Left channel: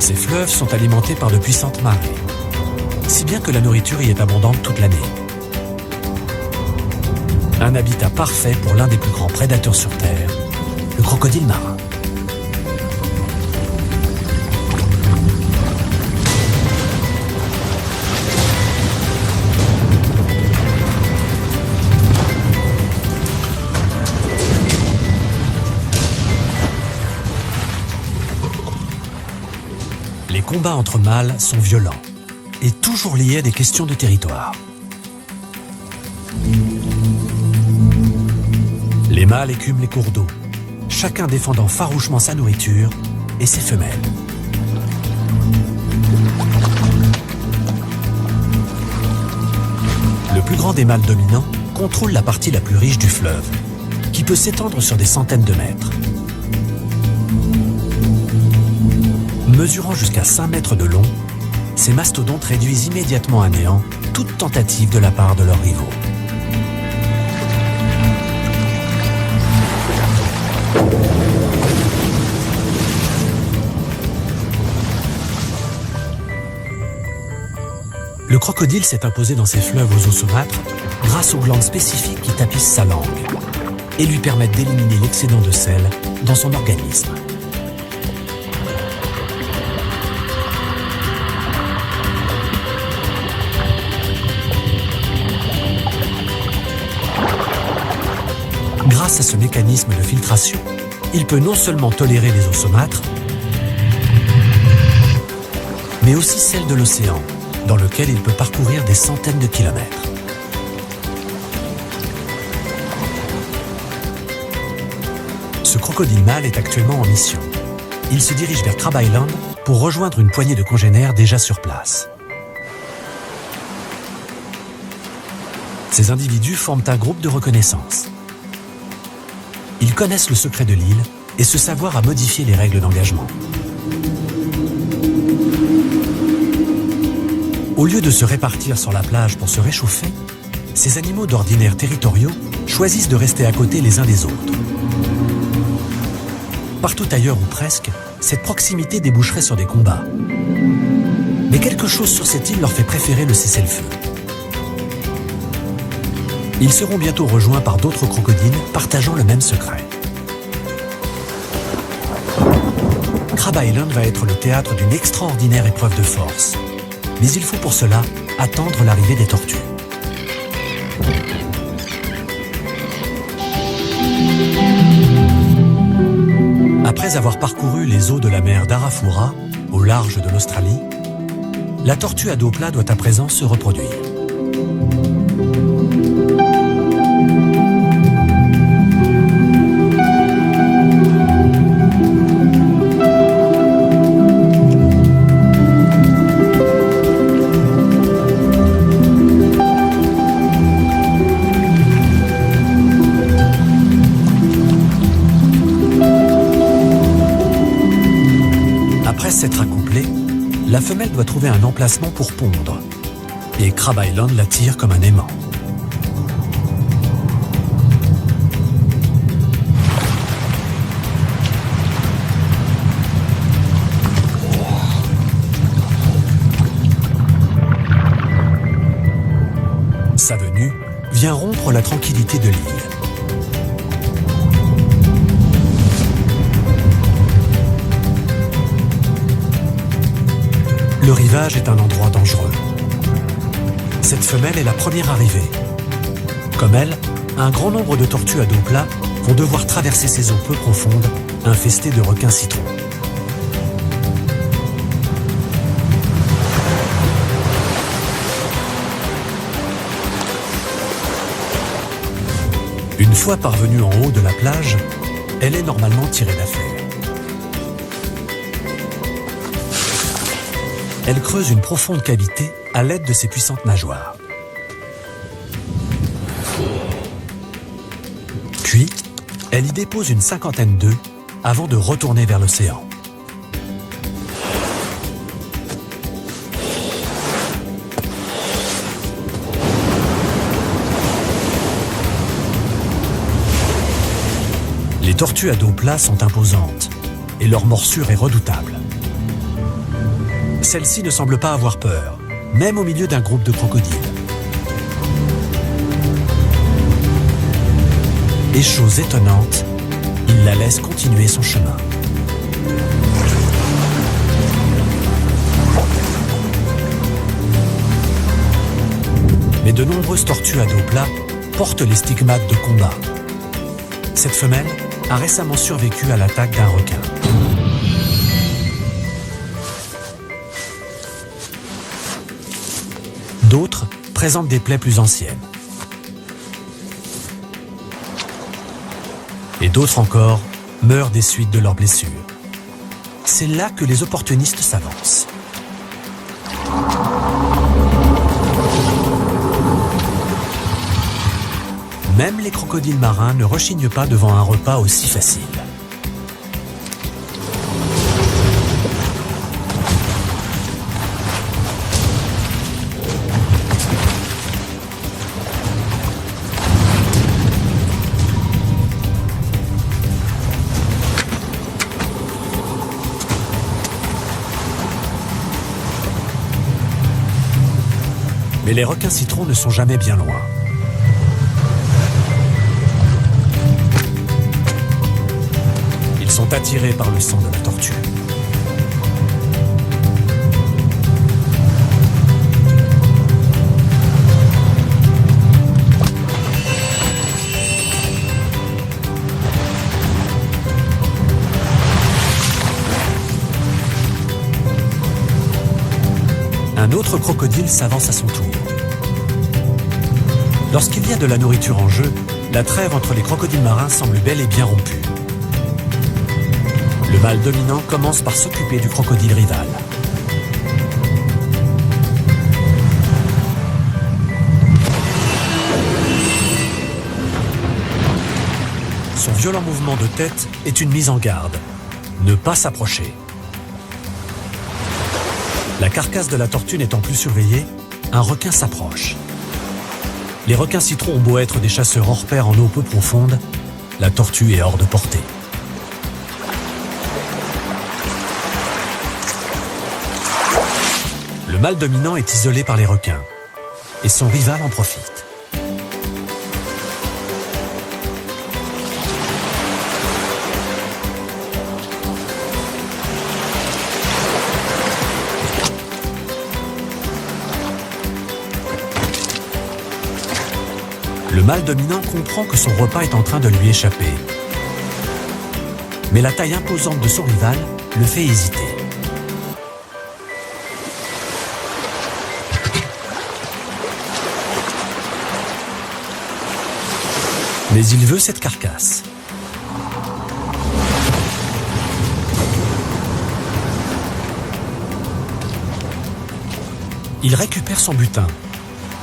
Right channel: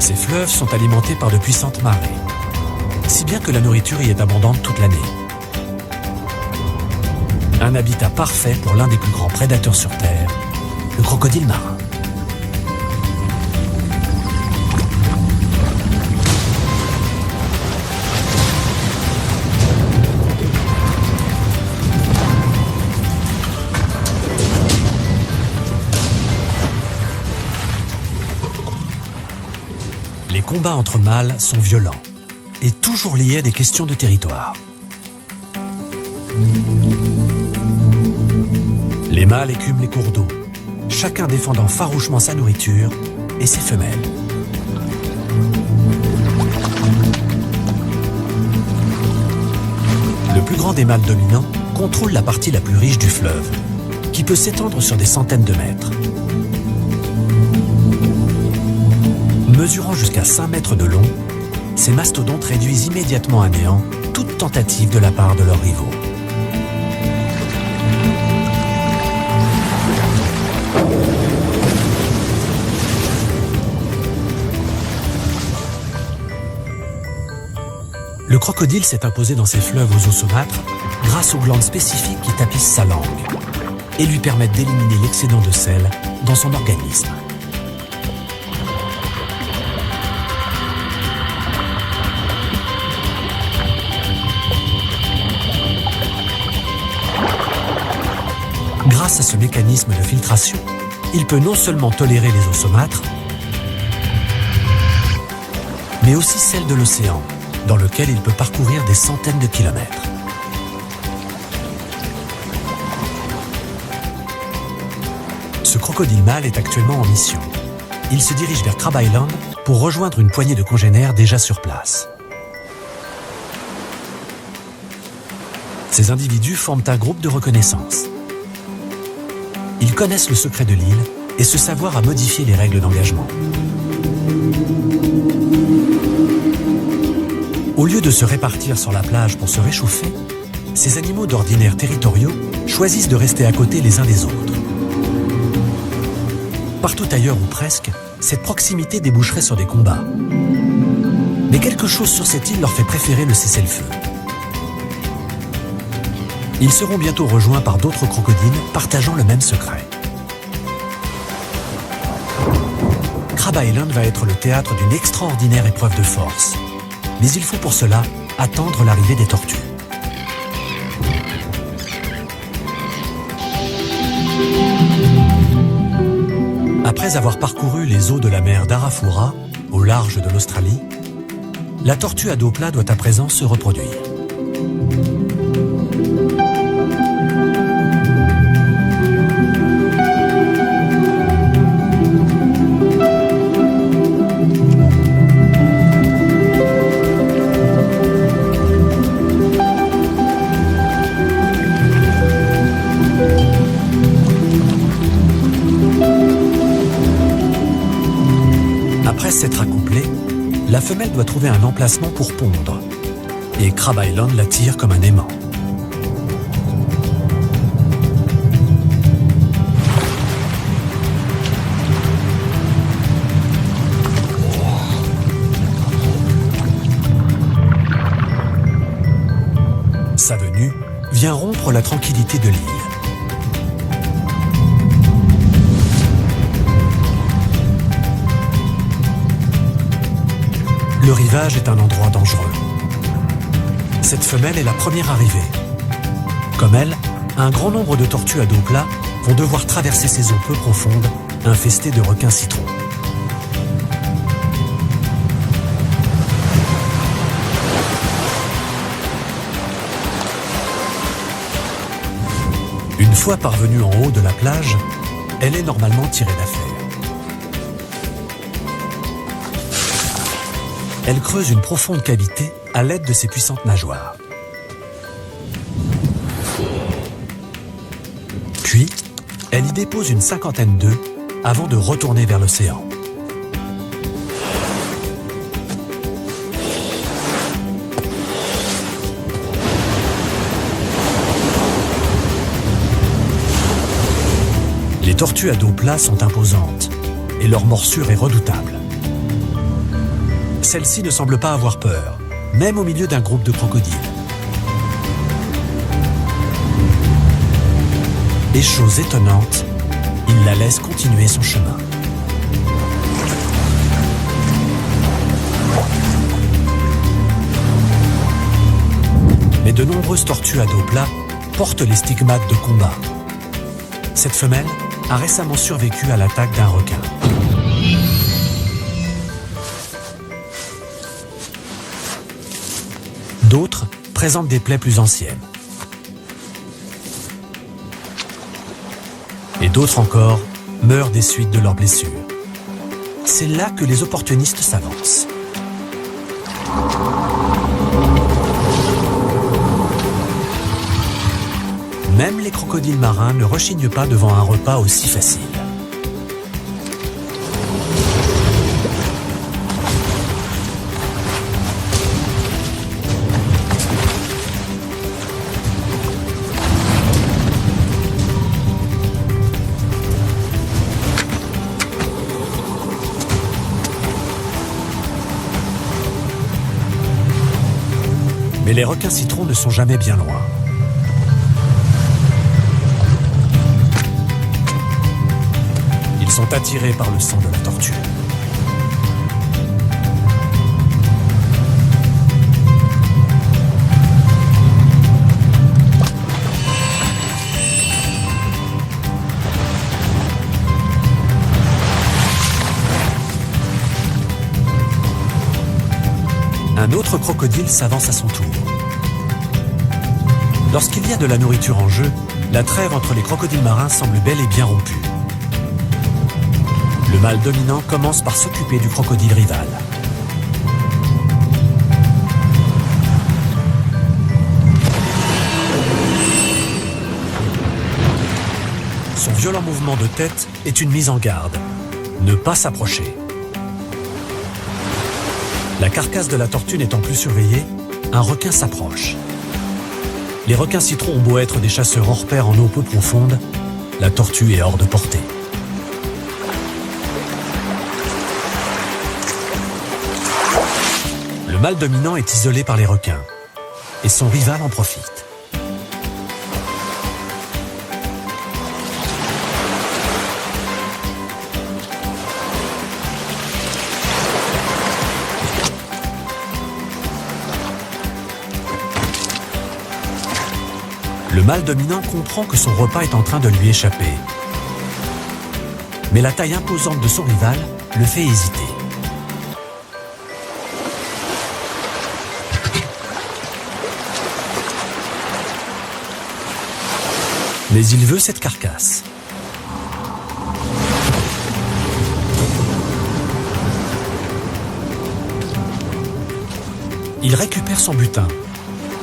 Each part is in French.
Ces fleuves sont alimentés par de puissantes marées, si bien que la nourriture y est abondante toute l'année. Un habitat parfait pour l'un des plus grands prédateurs sur Terre, le crocodile marin. Les combats entre mâles sont violents et toujours liés à des questions de territoire. Les mâles écument les cours d'eau, chacun défendant farouchement sa nourriture et ses femelles. Le plus grand des mâles dominants contrôle la partie la plus riche du fleuve, qui peut s'étendre sur des centaines de mètres. Mesurant jusqu'à 5 mètres de long, ces mastodontes réduisent immédiatement à néant toute tentative de la part de leurs rivaux. Le crocodile s'est imposé dans ces fleuves aux eaux saumâtres grâce aux glandes spécifiques qui tapissent sa langue et lui permettent d'éliminer l'excédent de sel dans son organisme. Grâce à ce mécanisme de filtration, il peut non seulement tolérer les eaux saumâtres, mais aussi celles de l'océan, dans lequel il peut parcourir des centaines de kilomètres. Ce crocodile mâle est actuellement en mission. Il se dirige vers Crab Island pour rejoindre une poignée de congénères déjà sur place. Ces individus forment un groupe de reconnaissance. Ils connaissent le secret de l'île et ce savoir à modifier les règles d'engagement. Au lieu de se répartir sur la plage pour se réchauffer, ces animaux d'ordinaire territoriaux choisissent de rester à côté les uns des autres. Partout ailleurs ou presque, cette proximité déboucherait sur des combats. Mais quelque chose sur cette île leur fait préférer le cessez-le-feu. Ils seront bientôt rejoints par d'autres crocodiles partageant le même secret. Crab Island va être le théâtre d'une extraordinaire épreuve de force. Mais il faut pour cela attendre l'arrivée des tortues. Après avoir parcouru les eaux de la mer d'Arafura, au large de l'Australie, la tortue à dos plat doit à présent se reproduire. Après s'être accouplée, la femelle doit trouver un emplacement pour pondre. Et Crab Island l'attire comme un aimant. Sa venue vient rompre la tranquillité de l'île. Le rivage est un endroit dangereux. Cette femelle est la première arrivée. Comme elle, un grand nombre de tortues à dos plat vont devoir traverser ces eaux peu profondes, infestées de requins citrons. Une fois parvenue en haut de la plage, elle est normalement tirée d'affaire. Elle creuse une profonde cavité à l'aide de ses puissantes nageoires. Puis, elle y dépose une cinquantaine d'œufs avant de retourner vers l'océan. Les tortues à dos plat sont imposantes et leur morsure est redoutable. Celle-ci ne semble pas avoir peur, même au milieu d'un groupe de crocodiles. Et chose étonnante, il la laisse continuer son chemin. Mais de nombreuses tortues à dos plat portent les stigmates de combat. Cette femelle a récemment survécu à l'attaque d'un requin. D'autres présentent des plaies plus anciennes. Et d'autres encore meurent des suites de leurs blessures. C'est là que les opportunistes s'avancent. Même les crocodiles marins ne rechignent pas devant un repas aussi facile. Mais les requins citrons ne sont jamais bien loin. Ils sont attirés par le sang de la tortue. Un autre crocodile s'avance à son tour. Lorsqu'il y a de la nourriture en jeu, la trêve entre les crocodiles marins semble bel et bien rompue. Le mâle dominant commence par s'occuper du crocodile rival. Son violent mouvement de tête est une mise en garde. Ne pas s'approcher. La carcasse de la tortue n'étant plus surveillée, un requin s'approche. Les requins citrons ont beau être des chasseurs hors pair en eau peu profonde, la tortue est hors de portée. Le mâle dominant est isolé par les requins et son rival en profite. Le mâle dominant comprend que son repas est en train de lui échapper. Mais la taille imposante de son rival le fait hésiter. Mais il veut cette carcasse. Il récupère son butin,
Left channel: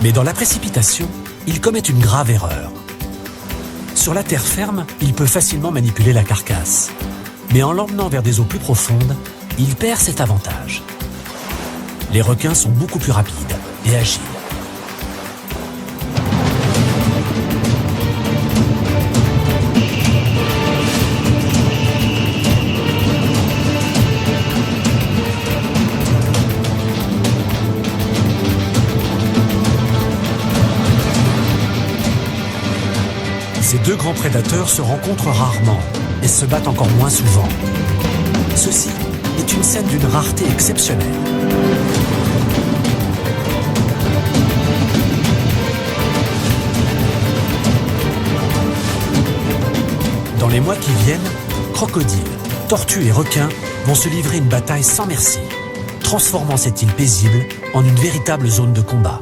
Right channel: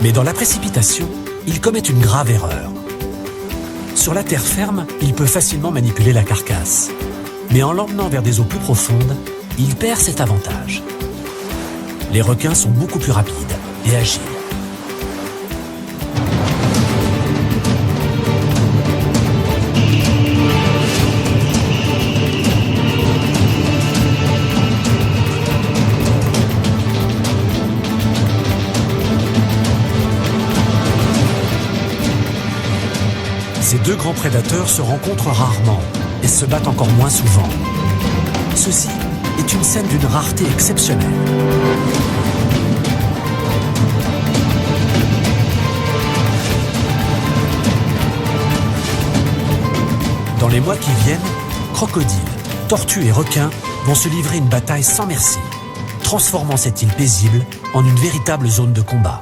mais dans la précipitation, il commet une grave erreur. Sur la terre ferme, il peut facilement manipuler la carcasse. Mais en l'emmenant vers des eaux plus profondes, il perd cet avantage. Les requins sont beaucoup plus rapides et agiles. Ces deux grands prédateurs se rencontrent rarement et se battent encore moins souvent. Ceci est une scène d'une rareté exceptionnelle. Dans les mois qui viennent, crocodiles, tortues et requins vont se livrer une bataille sans merci, transformant cette île paisible en une véritable zone de combat.